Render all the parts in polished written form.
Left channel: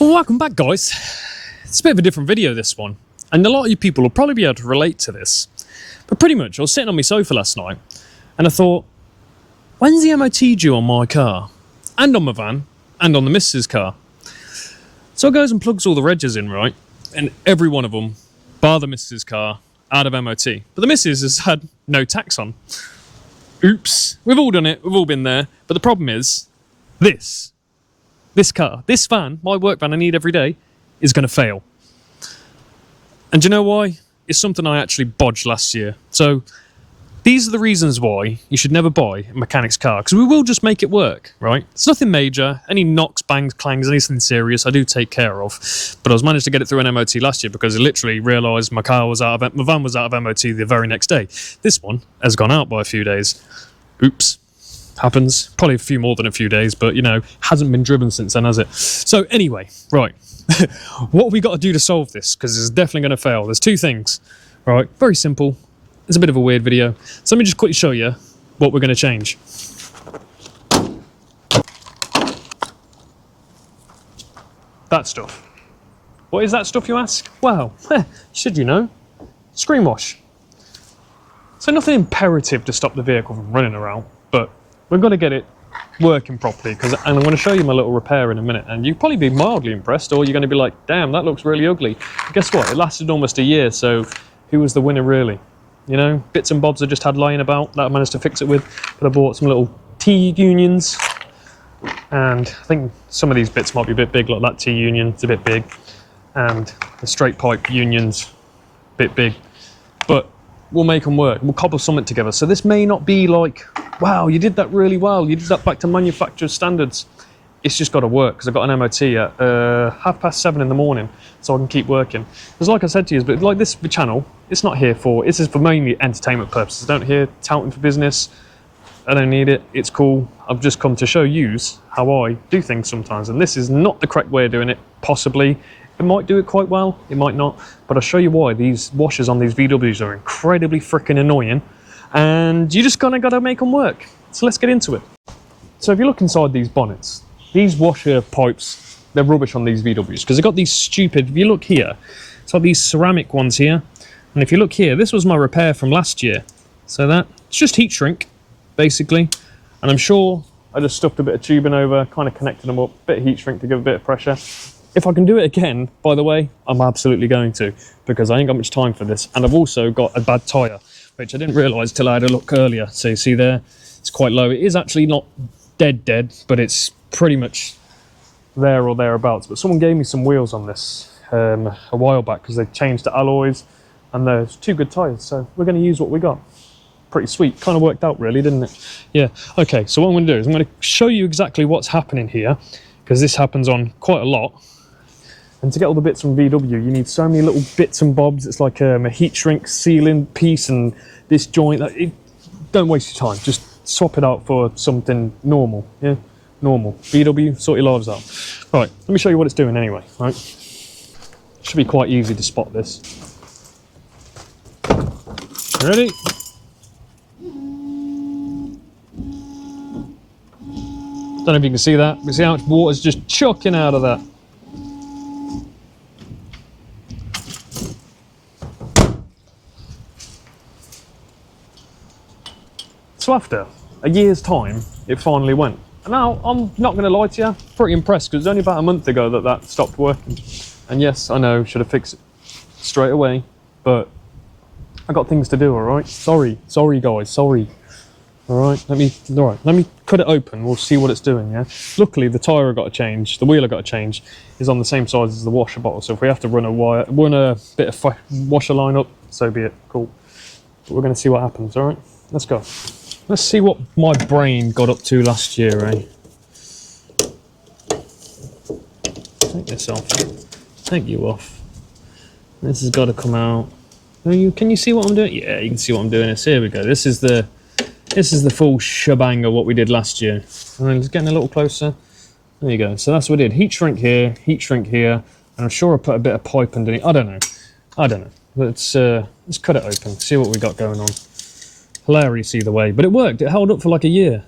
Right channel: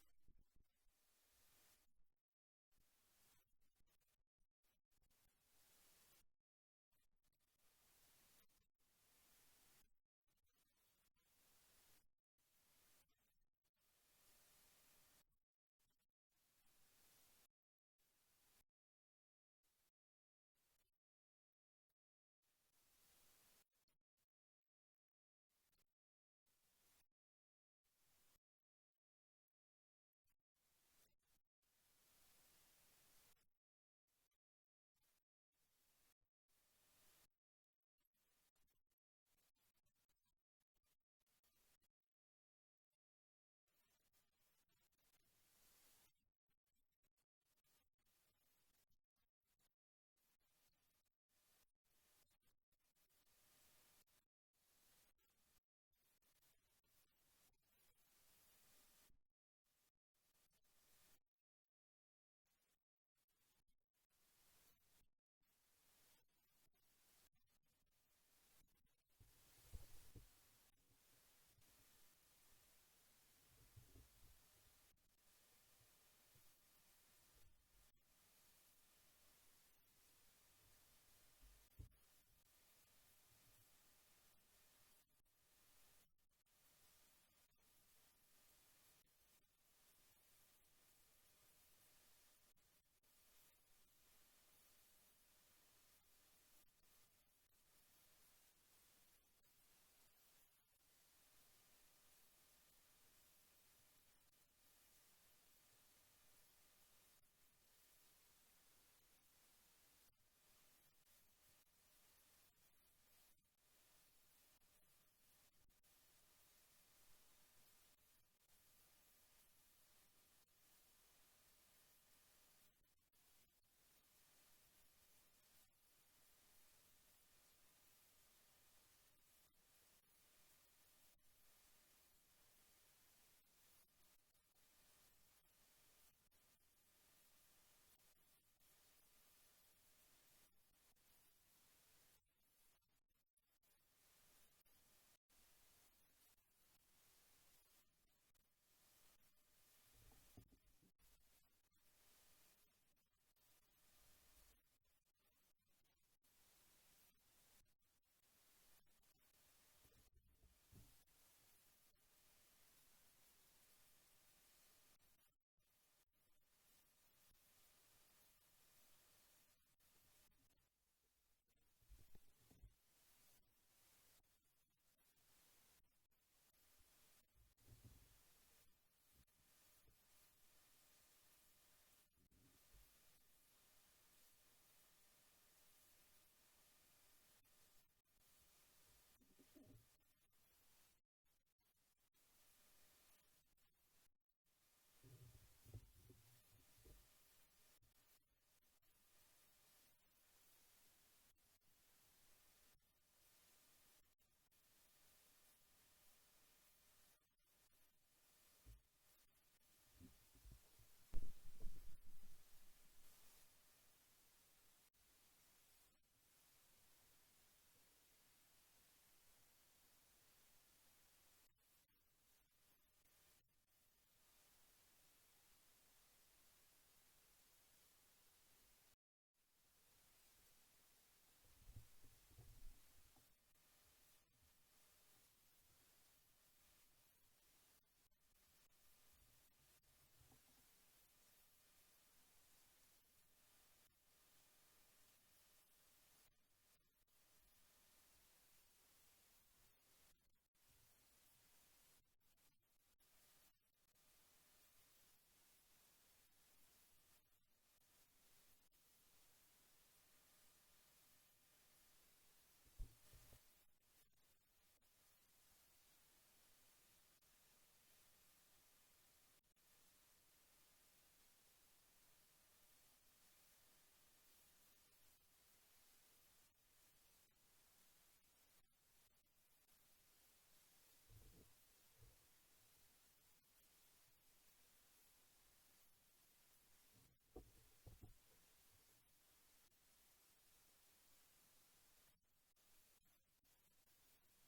Well, welcome back, guys. It's a bit of a different video, this one, and a lot of you people will probably be able to relate to this. But pretty much, I was sitting on my sofa last night, and I thought, when's the MOT due on my car? And on my van, and on the missus' car. So I goes and plugs all the regs in, right? And every one of them, bar the missus' car, out of MOT. But the missus has had no tax on. Oops. We've all done it, we've all been there. But the problem is, this car, this van, my work van I need every day, is going to fail. And do you know why? It's something I actually bodged last year. So these are the reasons why you should never buy a mechanic's car, because we will just make it work, right? It's nothing major, any knocks, bangs, clangs, anything serious I do take care of. But I was managed to get it through an MOT last year because I literally realised my van was out of MOT the very next day. This one has gone out by a few days. Oops. Happens. Probably a few more than a few days, but, you know, hasn't been driven since then, has it? So anyway, right. What have we got to do to solve this? Because it's definitely going to fail. There's two things, right? Very simple. It's a bit of a weird video. So let me just quickly show you what we're going to change. That stuff. What is that stuff, you ask? Well, should you know? Screen wash. So nothing imperative to stop the vehicle from running around, but we've got to get it working properly, and I'm going to show you my little repair in a minute, and you'll probably be mildly impressed, or you're going to be like, damn, that looks really ugly. But guess what? It lasted almost a year, so who was the winner really? You know, bits and bobs I just had lying about that I managed to fix it with, but I bought some little T-unions, and I think some of these bits might be a bit big, like that T-union, it's a bit big, and the straight pipe unions, a bit big, but we'll make them work. We'll cobble something together. So this may not be like, wow, you did that really well. You did that back to manufacturer's standards. It's just got to work because I've got an MOT at 7:30 in the morning, so I can keep working. Because like I said to you, but like this channel, it's not here for, this is for mainly entertainment purposes. I don't hear touting for business. I don't need it. It's cool. I've just come to show yous how I do things sometimes. And this is not the correct way of doing it, possibly. It might do it quite well, it might not, but I'll show you why. These washers on these VWs are incredibly freaking annoying, and you just gotta make them work. So let's get into it. So if you look inside these bonnets, these washer pipes, they're rubbish on these VWs, because they've got these stupid, if you look here, it's like these ceramic ones here, and if you look here, this was my repair from last year. So it's just heat shrink, basically, and I'm sure I just stuffed a bit of tubing over, kind of connected them up, bit of heat shrink to give a bit of pressure. If I can do it again, by the way, I'm absolutely going to, because I ain't got much time for this. And I've also got a bad tyre, which I didn't realise till I had a look earlier. So you see there, it's quite low. It is actually not dead, but it's pretty much there or thereabouts. But someone gave me some wheels on this a while back, because they changed the alloys, and there's two good tyres. So we're going to use what we got. Pretty sweet. Kind of worked out really, didn't it? Yeah. Okay, so what I'm going to do is I'm going to show you exactly what's happening here, because this happens on quite a lot. And to get all the bits from VW, you need so many little bits and bobs. It's like a heat shrink sealing piece and this joint. Don't waste your time. Just swap it out for something normal. Yeah, normal. VW, sort your lives out. Right, let me show you what it's doing anyway. Right, should be quite easy to spot this. Ready? Don't know if you can see that. You see how much water's just chucking out of that. So after a year's time, it finally went. And now, I'm not going to lie to you, pretty impressed, because it was only about a month ago that stopped working. And yes, I know, should have fixed it straight away, but I got things to do, all right? Sorry guys, sorry. All right, let me cut it open, we'll see what it's doing, yeah? Luckily, the tyre I got to change, the wheel I got to change, is on the same size as the washer bottle, so if we have to run a bit of washer line up, so be it, cool. But we're going to see what happens, all right? Let's go. Let's see what my brain got up to last year, eh? Take this off. Take you off. This has got to come out. Can you see what I'm doing? Yeah, you can see what I'm doing. Here we go. This is the full shebang of what we did last year. And then just getting a little closer. There you go. So that's what we did. Heat shrink here, and I'm sure I put a bit of pipe underneath. I don't know. Let's cut it open. See what we got going on. Hilarious either way, but it worked. It held up for like a year.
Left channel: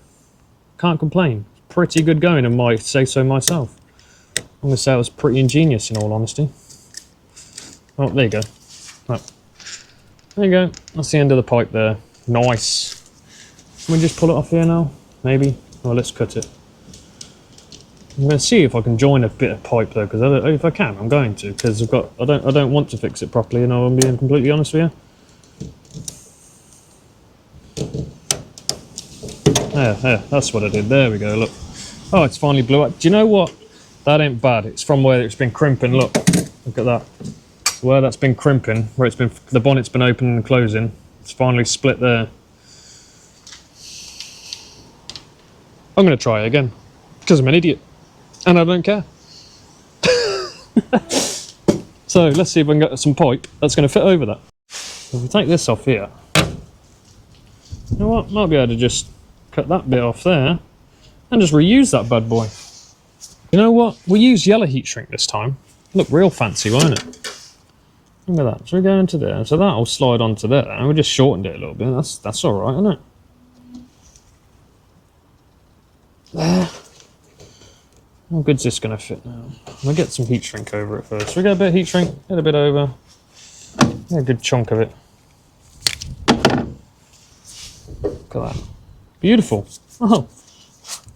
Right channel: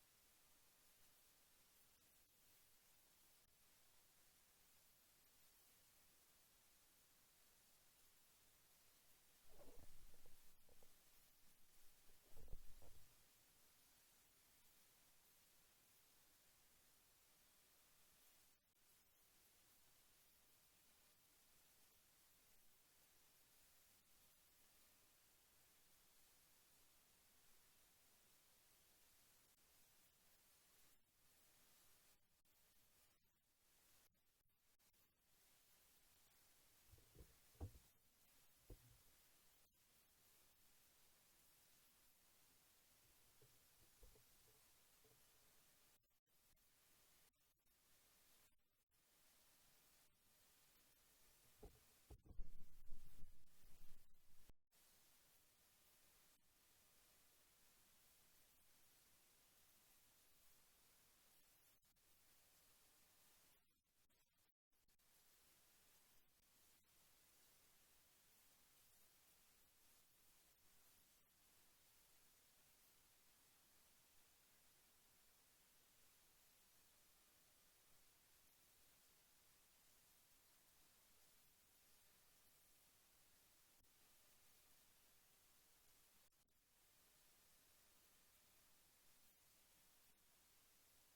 Can't complain. Pretty good going, I might say so myself. I'm going to say it was pretty ingenious in all honesty. Oh, there you go. Oh. There you go. That's the end of the pipe there. Nice. Can we just pull it off here now? Maybe? Well, let's cut it. I'm going to see if I can join a bit of pipe though, because if I can, I'm going to, because I don't want to fix it properly, and I'm being completely honest with you. There, that's what I did. There we go, look. Oh, it's finally blew up. Do you know what? That ain't bad. It's from where it's been crimping, look. Look at that. Where that's been crimping, where it's been, the bonnet's been opening and closing. It's finally split there. I'm going to try it again, because I'm an idiot. And I don't care. So let's see if I can get some pipe that's going to fit over that. If we take this off here, you know what? Might be able to just cut that bit off there and just reuse that bad boy. You know what? We'll use yellow heat shrink this time. Look real fancy, won't it? Look at that. So we go into there. So that'll slide onto there, and we just shortened it a little bit. That's all right, isn't it? There. How good's this going to fit now? We'll get some heat shrink over it first. So we get a bit of heat shrink, get a bit over. Get a good chunk of it. Look at that. Beautiful. Oh,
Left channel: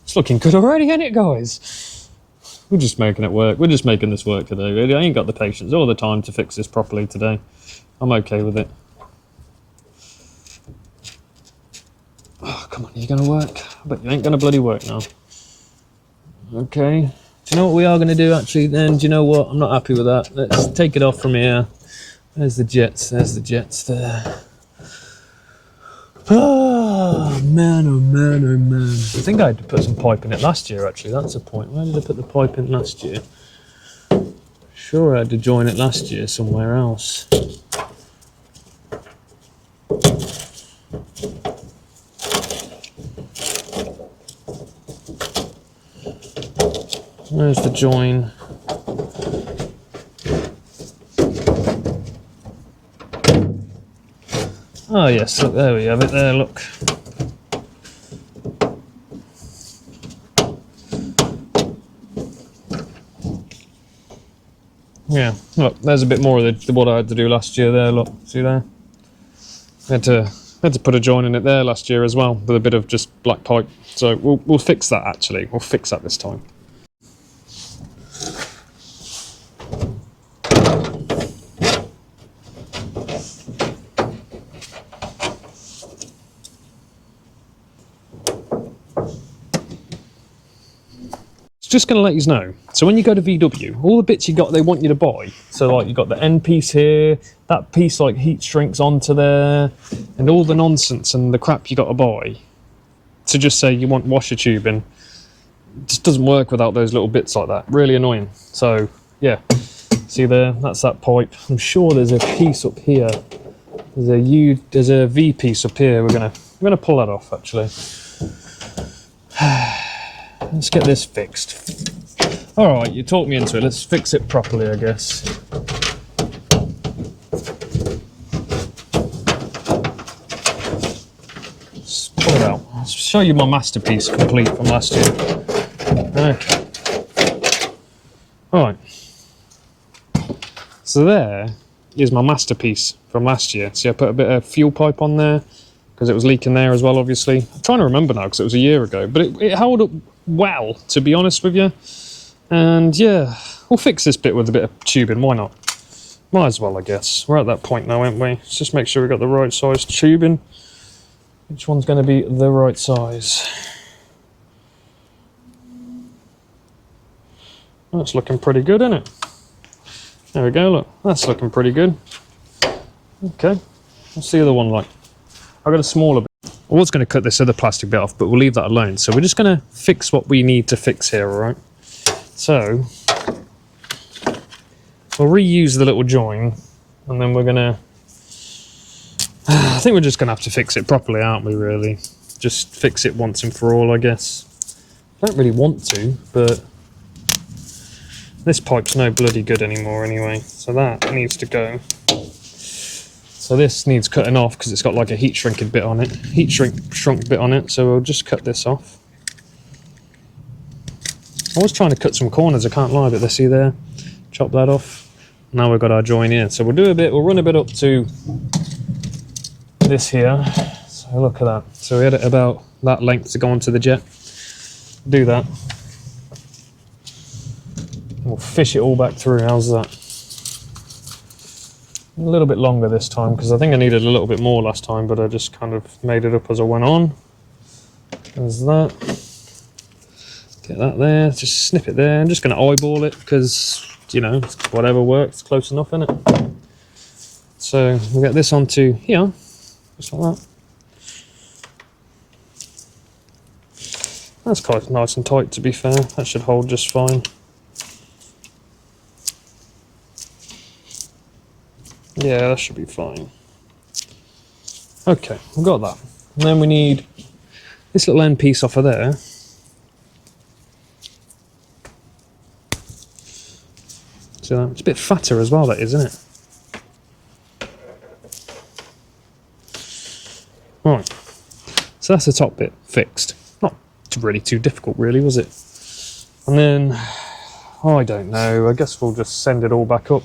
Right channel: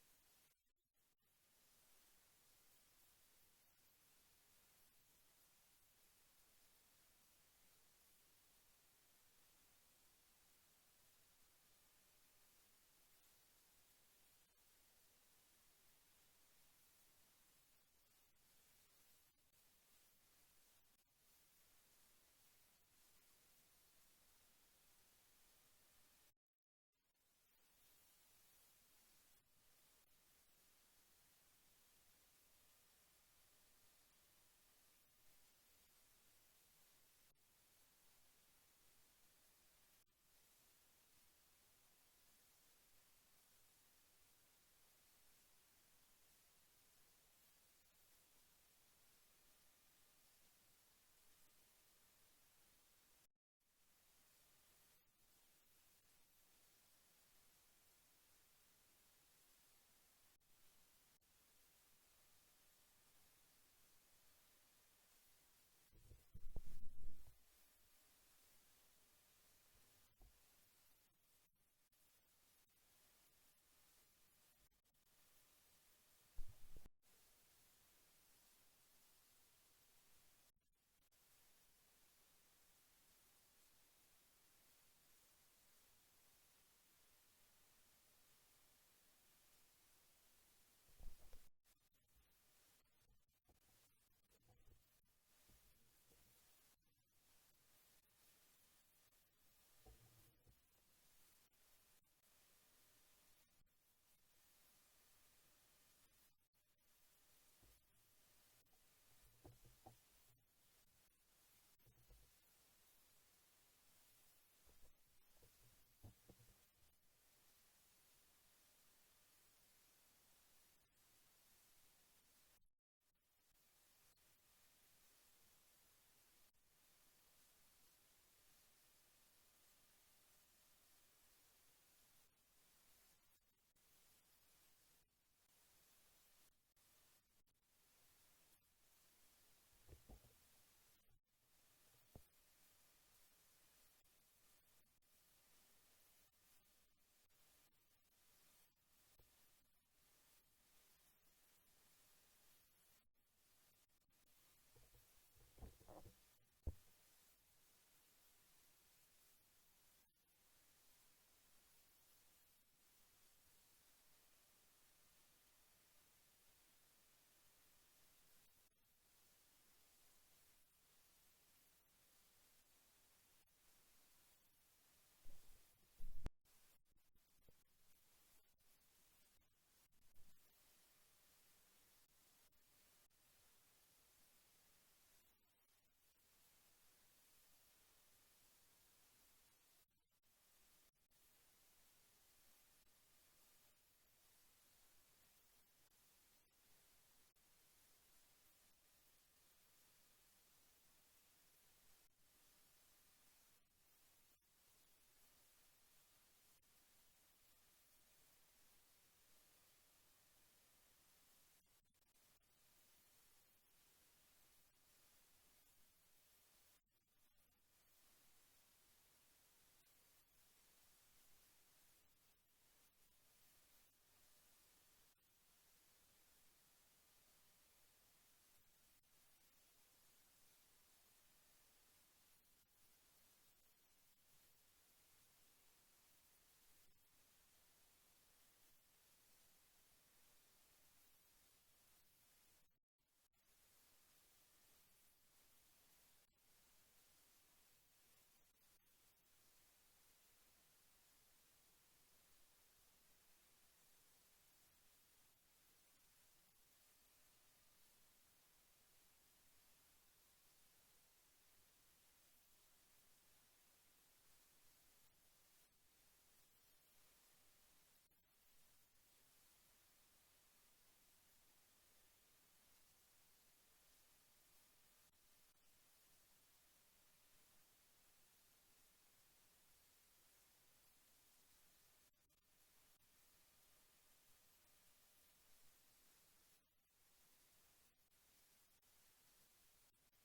it's looking good already, ain't it, guys? We're just making it work. We're just making this work today, really. I ain't got the patience or the time to fix this properly today. I'm okay with it. Oh, come on, are you going to work? I bet you ain't going to bloody work now. Okay. Do you know what we are going to do, actually, then? Do you know what? I'm not happy with that. Let's take it off from here. There's the jets. There's the jets there. Oh, man, oh, man, oh, man. I think I had to put some pipe in it last year, actually. That's the point. Where did I put the pipe in last year? Sure, I had to join it last year somewhere else. Where's the join? Oh yes, look, there we have it there, look. Yeah, look, there's a bit more of what I had to do last year there, look, see there? I had to put a join in it there last year as well, with a bit of just black pipe. So we'll fix that actually, we'll fix that this time. Just going to let you know, so when you go to VW, all the bits they want you to buy, so like you got the end piece here, that piece like heat shrinks onto there, and all the nonsense and the crap you got to buy to just say you want washer tubing, it just doesn't work without those little bits like that. Really annoying. So yeah, see there, that's that pipe. I'm sure there's a piece up here. There's a V piece up here. We're gonna pull that off actually. Let's get this fixed. All right, you talked me into it. Let's fix it properly, I guess. Let's pull it out. I'll show you my masterpiece complete from last year. Okay. All right. So there is my masterpiece from last year. See, I put a bit of fuel pipe on there because it was leaking there as well, obviously. I'm trying to remember now because it was a year ago, but it held up well, to be honest with you. And yeah, we'll fix this bit with a bit of tubing, why not? Might as well, I guess. We're at that point now, aren't we? Let's just make sure we've got the right size tubing. Which one's going to be the right size? That's looking pretty good, isn't it? There we go, look. That's looking pretty good. Okay, what's the other one like? I've got a smaller bit. I was going to cut this other plastic bit off, but we'll leave that alone. So we're just going to fix what we need to fix here, all right? So we'll reuse the little join, and then we're going to... I think we're just going to have to fix it properly, aren't we, really? Just fix it once and for all, I guess. I don't really want to, but this pipe's no bloody good anymore anyway, so that needs to go. So this needs cutting off because it's got like a heat shrinking bit on it, shrunk bit on it, so we'll just cut this off. I was trying to cut some corners, I can't lie, but let's see there. Chop that off. Now we've got our join here. So we'll run a bit up to this here. So look at that. So we had it about that length to go onto the jet. Do that. We'll fish it all back through. How's that? A little bit longer this time because I think I needed a little bit more last time, but I just kind of made it up as I went on. There's that. Get that there. Just snip it there. I'm just going to eyeball it because, you know, whatever works, close enough, isn't it? So we'll get this onto here, just like that. That's quite nice and tight, to be fair. That should hold just fine. Yeah, that should be fine. Okay, we've got that. And then we need this little end piece off of there. So it's a bit fatter as well, that is, isn't it? Right. So that's the top bit fixed. Not really too difficult, really, was it? And then, I don't know, I guess we'll just send it all back up.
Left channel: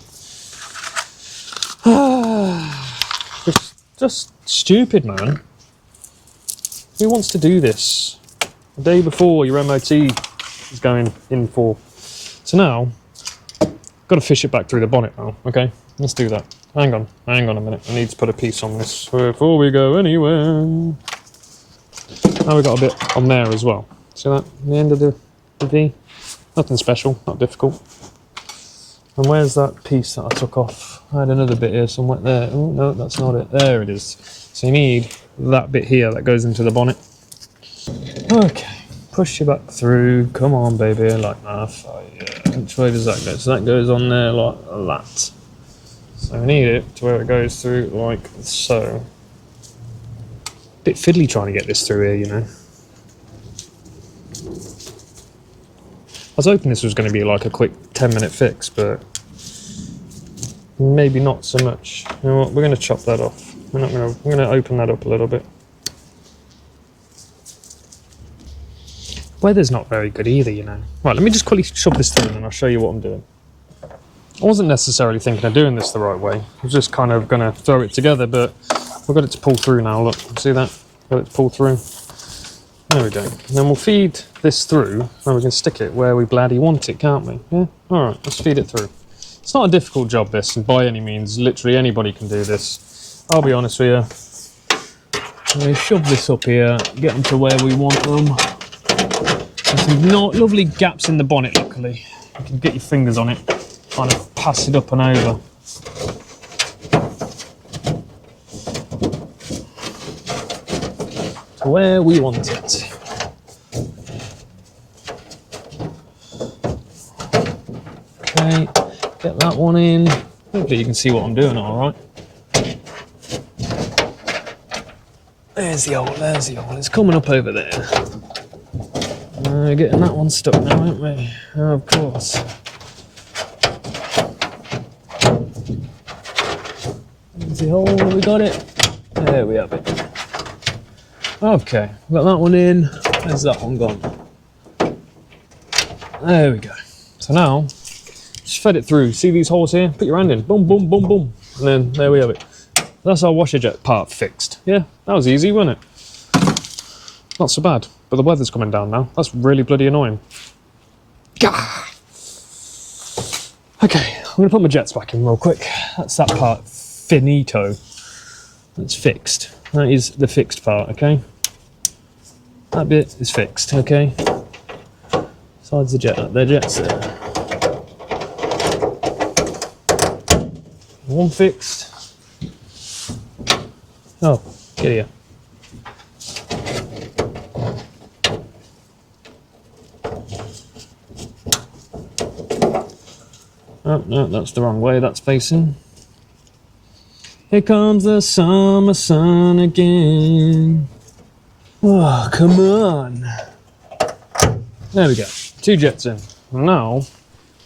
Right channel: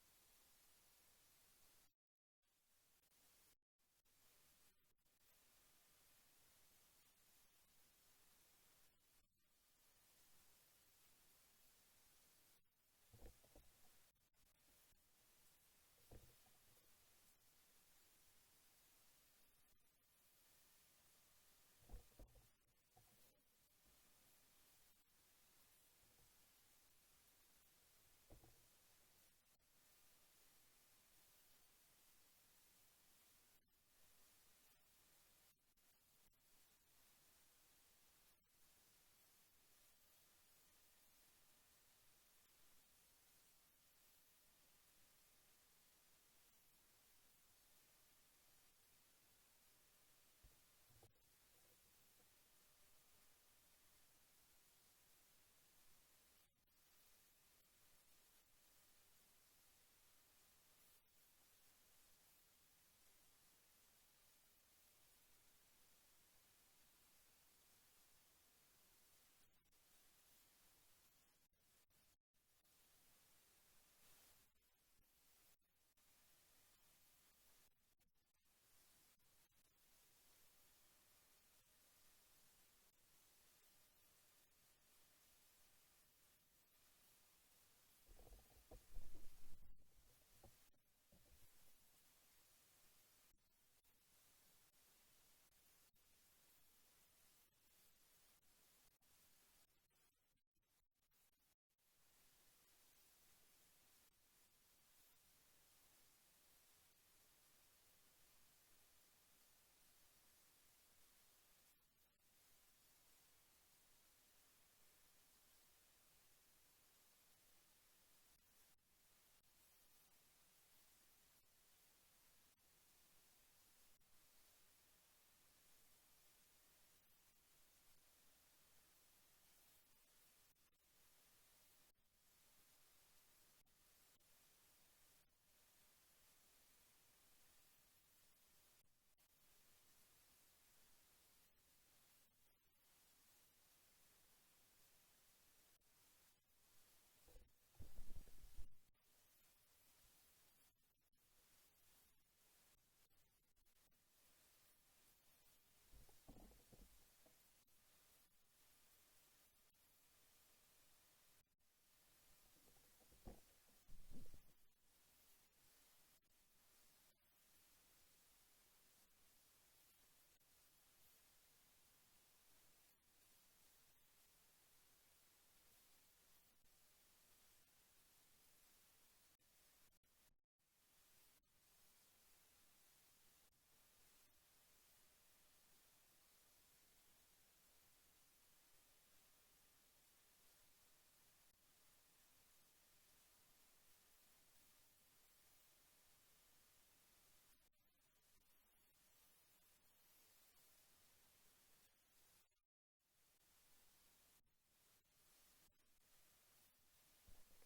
It's just stupid, man. Who wants to do this? The day before your MOT is going in for. So now, got to fish it back through the bonnet now, okay? Let's do that. Hang on a minute. I need to put a piece on this before we go anywhere. Now we've got a bit on there as well. See that? The end of the V? Nothing special, not difficult. And where's that piece that I took off? I had another bit here somewhere there. Oh, no, that's not it. There it is. So you need that bit here that goes into the bonnet. Okay, push you back through. Come on, baby, like that. Oh, yeah. Which way does that go? So that goes on there like that. So we need it to where it goes through like so. Bit fiddly trying to get this through here, you know. I was hoping this was going to be like a quick 10-minute fix, but maybe not so much. You know what? We're going to chop that off. We're going to open that up a little bit. Weather's not very good either, you know. Right, let me just quickly shove this through and I'll show you what I'm doing. I wasn't necessarily thinking of doing this the right way. I was just kind of going to throw it together, but we've got it to pull through now. Look, see that? Got it to pull through. There we go. And then we'll feed this through and we can stick it where we bloody want it, can't we? Yeah? Alright, let's feed it through. It's not a difficult job, this, and by any means, literally anybody can do this. I'll be honest with you. We shove this up here, get them to where we want them. There's some lovely gaps in the bonnet, luckily. You can get your fingers on it, kind of pass it up and over. To where we want it. Okay, get that one in. Hopefully you can see what I'm doing all right. There's the hole, there's the hole. It's coming up over there. We're getting that one stuck now, aren't we? Oh, of course. There's the hole, we got it. There we have it. Okay, got that one in. Where's that one gone? There we go. So now, just fed it through. See these holes here? Put your hand in. Boom, boom, boom, boom. And then there we have it. That's our washer jet part fixed. Yeah, that was easy, wasn't it? Not so bad. But the weather's coming down now. That's really bloody annoying. Gah! Okay, I'm going to put my jets back in real quick. That's that part finito. That's fixed. That is the fixed part, okay? That bit is fixed, okay? Besides the jet, the jet's there. One fixed. Oh, get here. Oh, no, that's the wrong way that's facing. Here comes the summer sun again. Oh, come on. There we go. 2 jets in. And now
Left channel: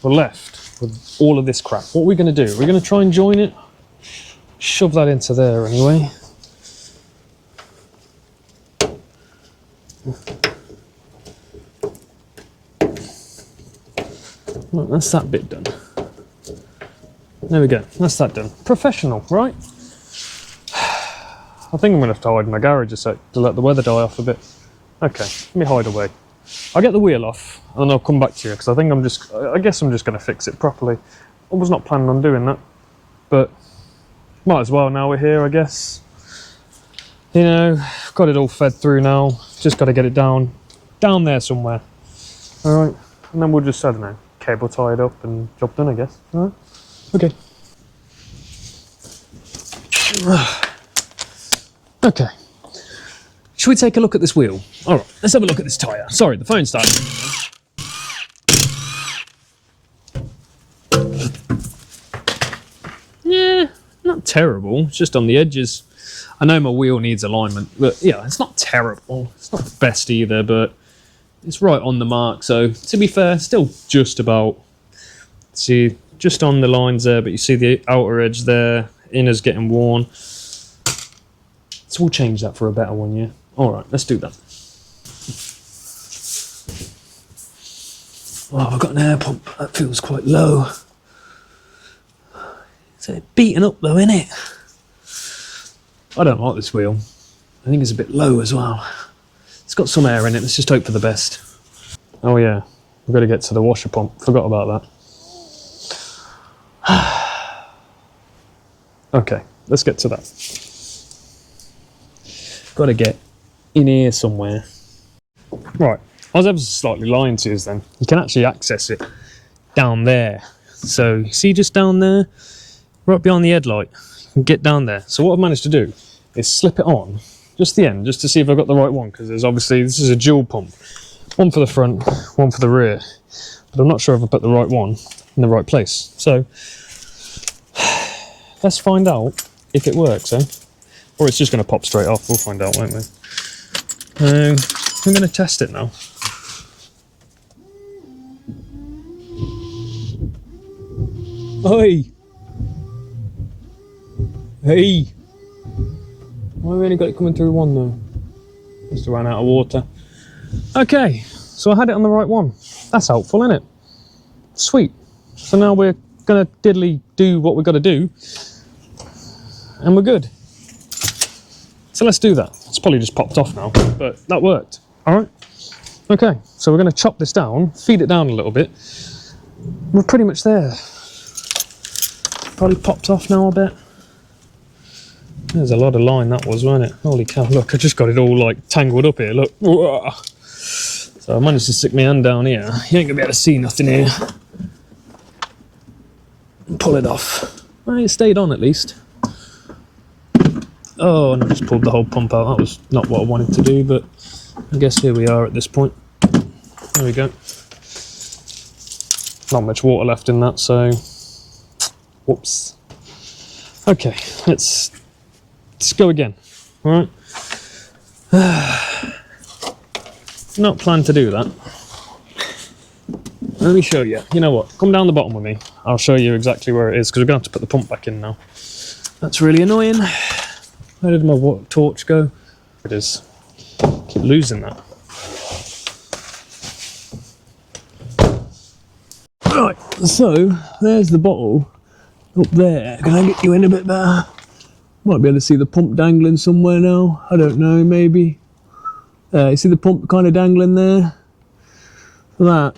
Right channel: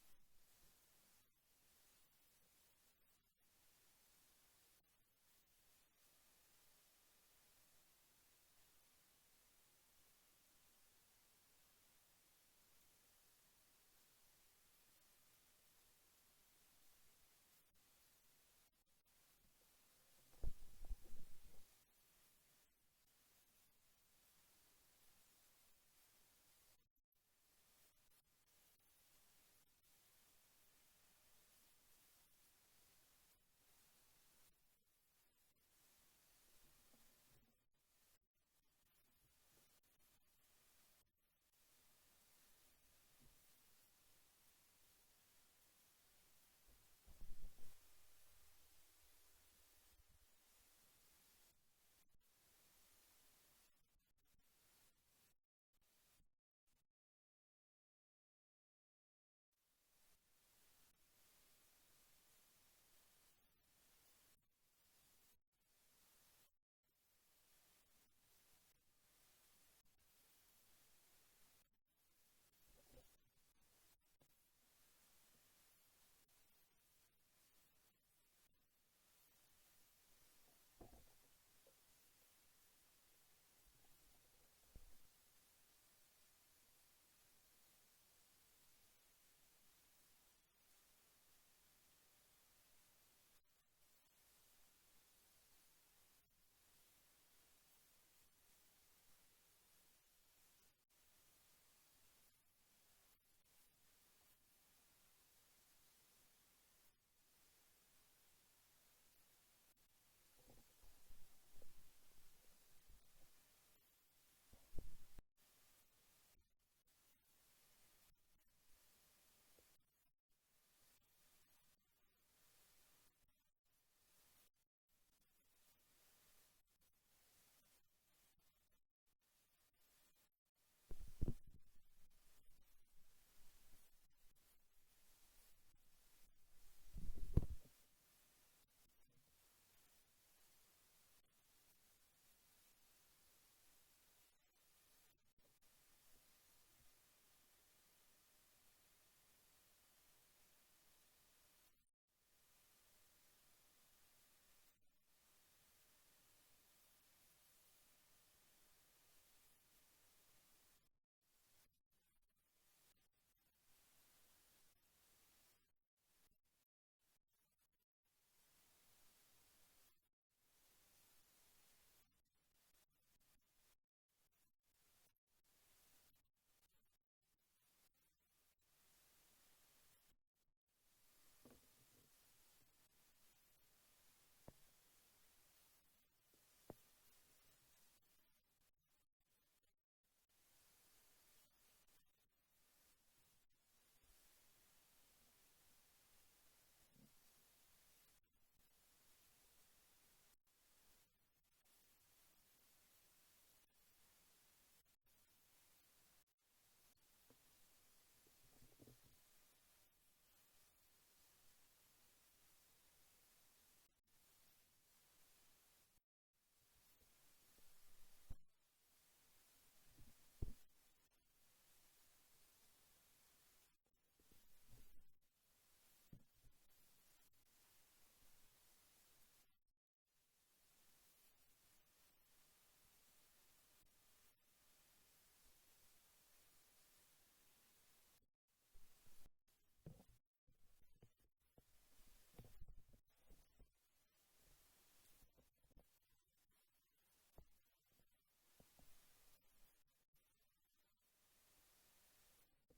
we're left with all of this crap. What are we going to do? We're going to try and join it. Shove that into there anyway. Well, that's that bit done. There we go, that's that done. Professional, right? I think I'm gonna have to hide in my garage a sec to let the weather die off a bit. Okay, let me hide away. I'll get the wheel off and I'll come back to you because I guess I'm just gonna fix it properly. I was not planning on doing that, but might as well now we're here, I guess. You know, got it all fed through now. Just got to get it down there somewhere. All right, and then we'll just, I don't know, cable tie it up and job done, I guess. All right, okay. Okay. Should we take a look at this wheel? All right, let's have a look at this tyre. Sorry, the phone started. Yeah, not terrible. It's just on the edges. I know my wheel needs alignment, but yeah, it's not terrible. It's not the best either, but it's right on the mark. So to be fair, still just about. See, just on the lines there, but you see the outer edge there. Inner's getting worn. So we'll change that for a better one, yeah? All right, let's do that. Oh, I've got an air pump. That feels quite low. It's beaten up though, isn't it? I don't like this wheel. I think it's a bit low as well. It's got some air in it. Let's just hope for the best. Oh yeah, we've got to get to the washer pump. Forgot about that. Okay, let's get to that. Got to get in here somewhere. Right, I was ever so slightly lying to you then. You can actually access it down there. So you see just down there, right behind the headlight, you can get down there. So what I've managed to do is slip it on, just the end, just to see if I've got the right one, because there's obviously, this is a dual pump. One for the front, one for the rear. But I'm not sure if I put the right one in the right place. So let's find out if it works, eh? Or it's just going to pop straight off. We'll find out, won't we? I'm going to test it now. Oi! Hey! Why have we only got it coming through one though? Must have ran out of water. Okay, so I had it on the right one. That's helpful, isn't it? Sweet. So now we're going to diddly do what we've got to do. And we're good. So let's do that. It's probably just popped off now, but that worked. All right. Okay, so we're going to chop this down, feed it down a little bit. We're pretty much there. Probably popped off now a bit. There's a lot of line that was, wasn't it? Holy cow, look, I just got it all like tangled up here, look. So I managed to stick my hand down here. You ain't going to be able to see nothing here. Pull it off. Well, it stayed on at least. Oh, and I just pulled the whole pump out. That was not what I wanted to do, but I guess here we are at this point. There we go. Not much water left in that, so whoops. Okay, let's go again. All right. Not planned to do that. Let me show you. You know what? Come down the bottom with me. I'll show you exactly where it is, because we're going to have to put the pump back in now. That's really annoying. Where did my torch go? It is. Keep losing that. Right, so there's the bottle up there. Can I get you in a bit better? Might be able to see the pump dangling somewhere now. I don't know, maybe. You see the pump kind of dangling there? That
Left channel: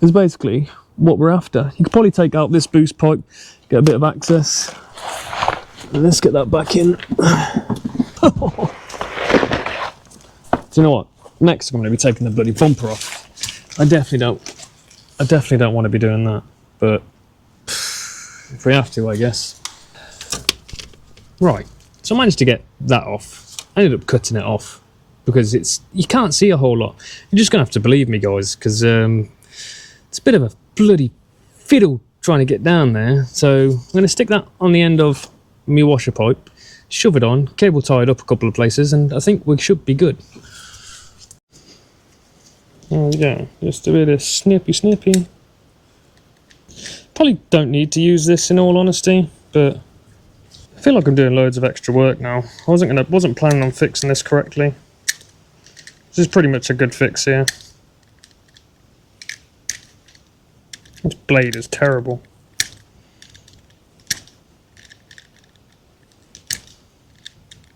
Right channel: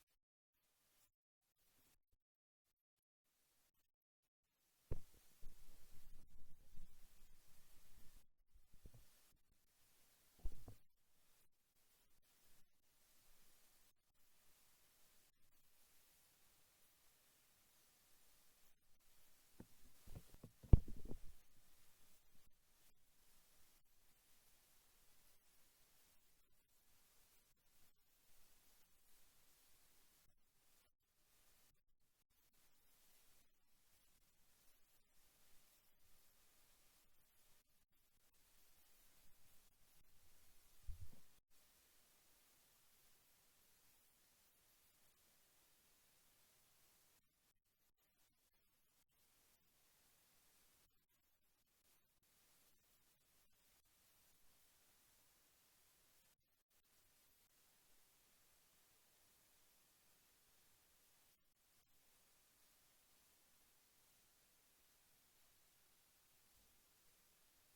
is basically what we're after. You could probably take out this boost pipe, get a bit of access. And let's get that back in. Do you know what? Next I'm going to be taking the bloody bumper off. I definitely don't want to be doing that, but if we have to, I guess. Right, so I managed to get that off. I ended up cutting it off because you can't see a whole lot. You're just going to have to believe me, guys, because it's a bit of a bloody fiddle trying to get down there. So I'm going to stick that on the end of my washer pipe, shove it on, cable tie it up a couple of places, and I think we should be good. There we go, just a bit of snippy. Probably don't need to use this in all honesty, but I feel like I'm doing loads of extra work now. I wasn't planning on fixing this correctly. This is pretty much a good fix here. This blade is terrible.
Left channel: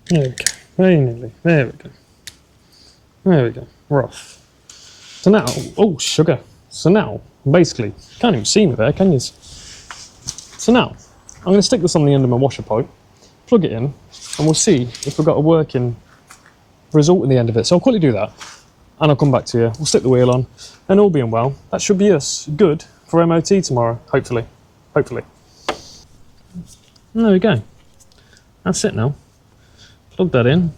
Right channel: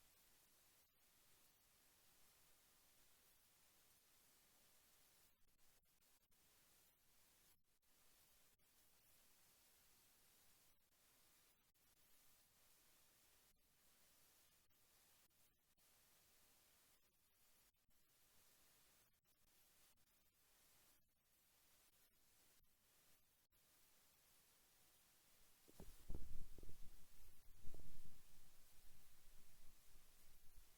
There we go. Very nearly. There we go. There we go. We're off. So now, oh, sugar. So now, basically, you can't even see me there, can you? So now, I'm going to stick this on the end of my washer pipe, plug it in, and we'll see if we've got a working result in the end of it. So I'll quickly do that, and I'll come back to you. We'll stick the wheel on, and all being well, that should be us good for MOT tomorrow, hopefully. Hopefully. And there we go. That's it now. Plug that in.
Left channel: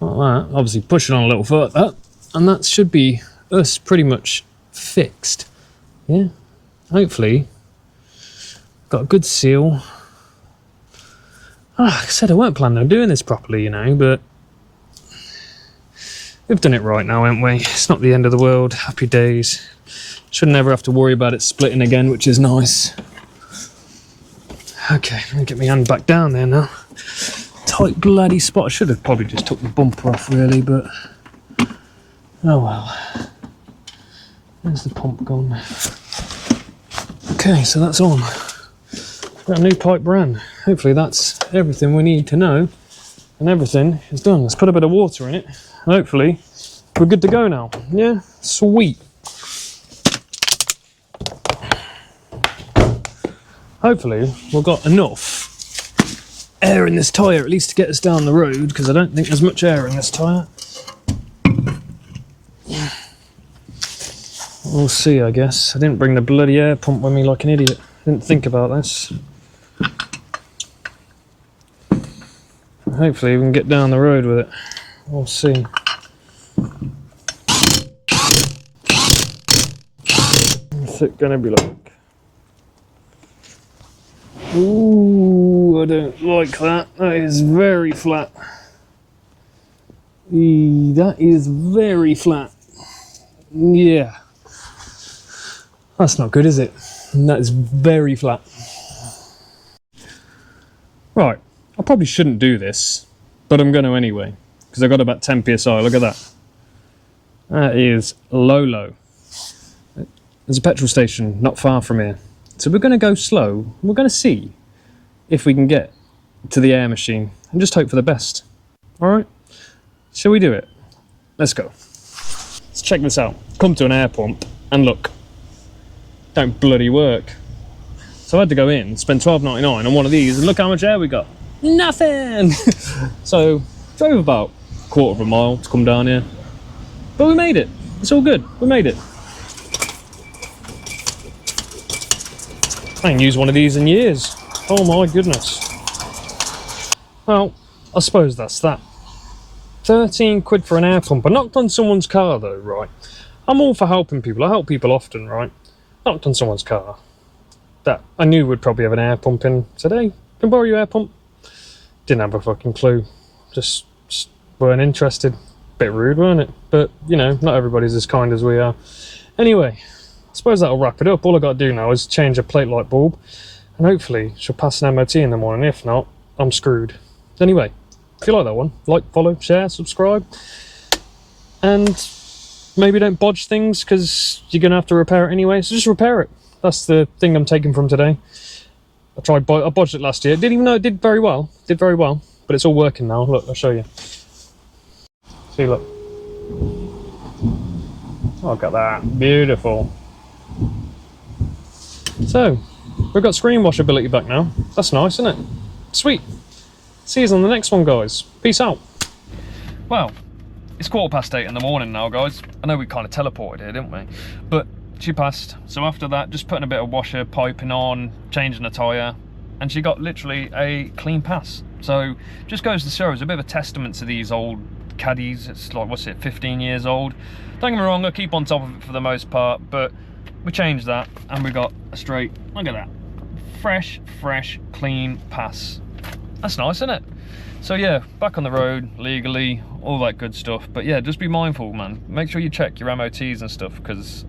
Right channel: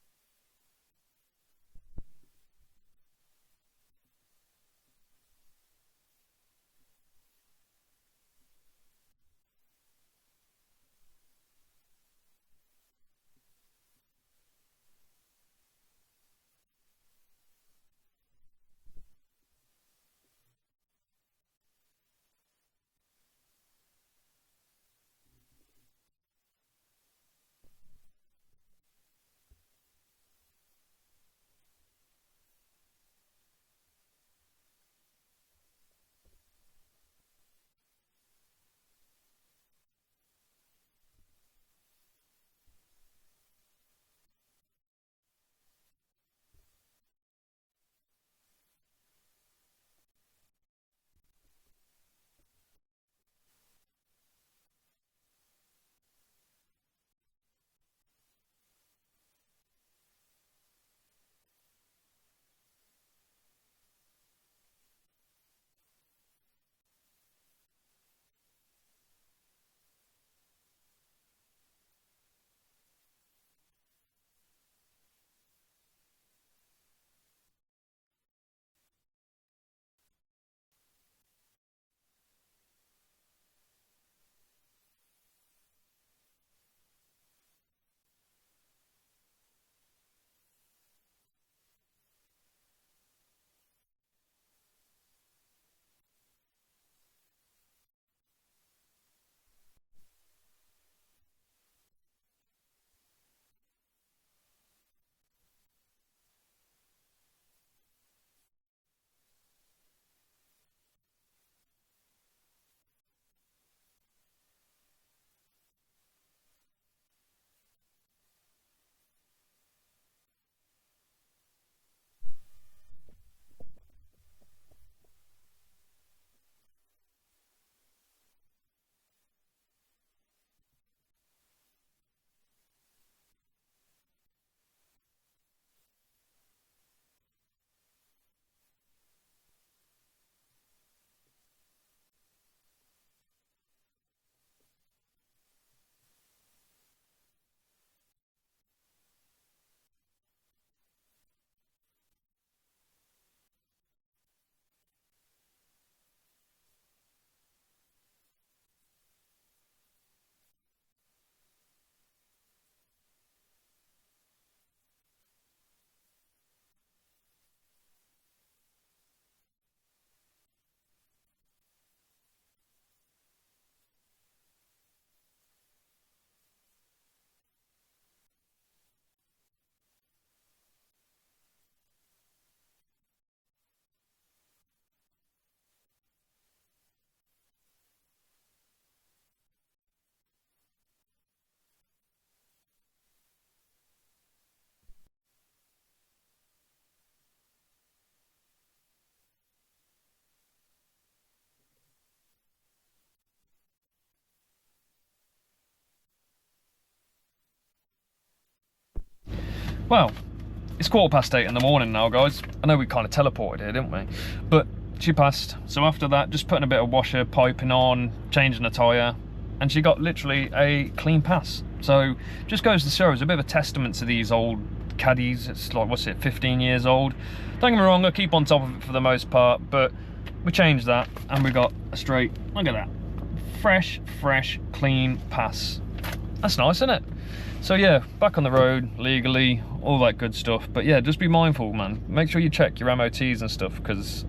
Like that. Obviously push it on a little further, and that should be us pretty much fixed. Yeah. Hopefully. Got a good seal. Like I said, I weren't planning on doing this properly, you know, but we've done it right now, haven't we? It's not the end of the world. Happy days. Shouldn't ever have to worry about it splitting again, which is nice. Okay, let me get my hand back down there now. Tight bloody spot. I should have probably just took the bumper off, really, but oh well. Where's the pump gone? Okay, so that's on. Got a new pipe brand. Hopefully that's everything we need to know, and everything is done. Let's put a bit of water in it. Hopefully we're good to go now. Yeah, sweet. Hopefully we've got enough air in this tyre at least to get us down the road, because I don't think there's much air in this tyre. We'll see, I guess. I didn't bring the bloody air pump with me like an idiot. Didn't think about this. Hopefully we can get down the road with it. We'll see. What's it gonna be like? Ooh, I don't like that. That is very flat. That is very flat. Yeah. That's not good, is it? That is very flat. Right, I probably shouldn't do this, but I'm going to anyway, because I've got about 10 psi. Look at that. That is low. There's a petrol station not far from here. So we're going to go slow. We're going to see if we can get to the air machine and just hope for the best. All right? Shall we do it? Let's go. Let's check this out. Come to an air pump and look. Don't bloody work. So I had to go in, spend $12.99 on one of these, and look how much air we got. Nothing! So, drove about a quarter of a mile to come down here. But we made it. It's all good. We made it. I ain't used one of these in years. Oh my goodness. Well, I suppose that's that. 13 quid for an air pump. I knocked on someone's car though, right? I'm all for helping people. I help people often, right? Knocked on someone's car that I knew would probably have an air pump in. Said, hey, can I borrow your air pump? Didn't have a fucking clue. Just weren't interested. Bit rude, weren't it? But, you know, not everybody's as kind as we are. Anyway, I suppose that'll wrap it up. All I got to do now is change a plate light bulb, and hopefully she'll pass an MOT in the morning. If not, I'm screwed. Anyway, if you like that one, like, follow, share, subscribe, and maybe don't bodge things, because you're going to have to repair it anyway, so just repair it. That's the thing I'm taking from today. I bodged it last year. Didn't even know it did very well. But it's all working now. Look, I'll show you. See, look. Oh, look at that. Beautiful. So, we've got screen washability back now. That's nice, isn't it? Sweet. See you on the next one, guys. Peace out. Well, it's 8:15 in the morning now, guys. I know we kind of teleported here, didn't we? But she passed. So after that, just putting a bit of washer, piping on, changing the tyre, and she got literally a clean pass. So just goes to show, it's a bit of a testament to these old Caddies. It's like, what's it, 15 years old. Don't get me wrong, I keep on top of it for the most part, but we changed that and we got a straight, look at that, fresh, clean pass. That's nice, isn't it? So yeah, back on the road, legally, all that good stuff. But yeah, just be mindful, man. Make sure you check your MOTs and stuff, because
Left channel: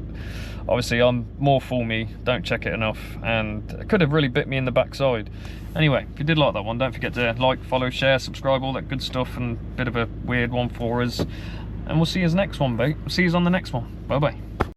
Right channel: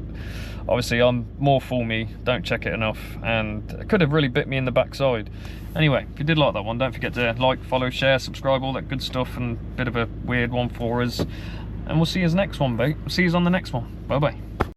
obviously I'm more for me, don't check it enough, and it could have really bit me in the backside. Anyway, if you did like that one, don't forget to like, follow, share, subscribe, all that good stuff, and a bit of a weird one for us. And we'll see you next one, mate. See you on the next one. Bye bye.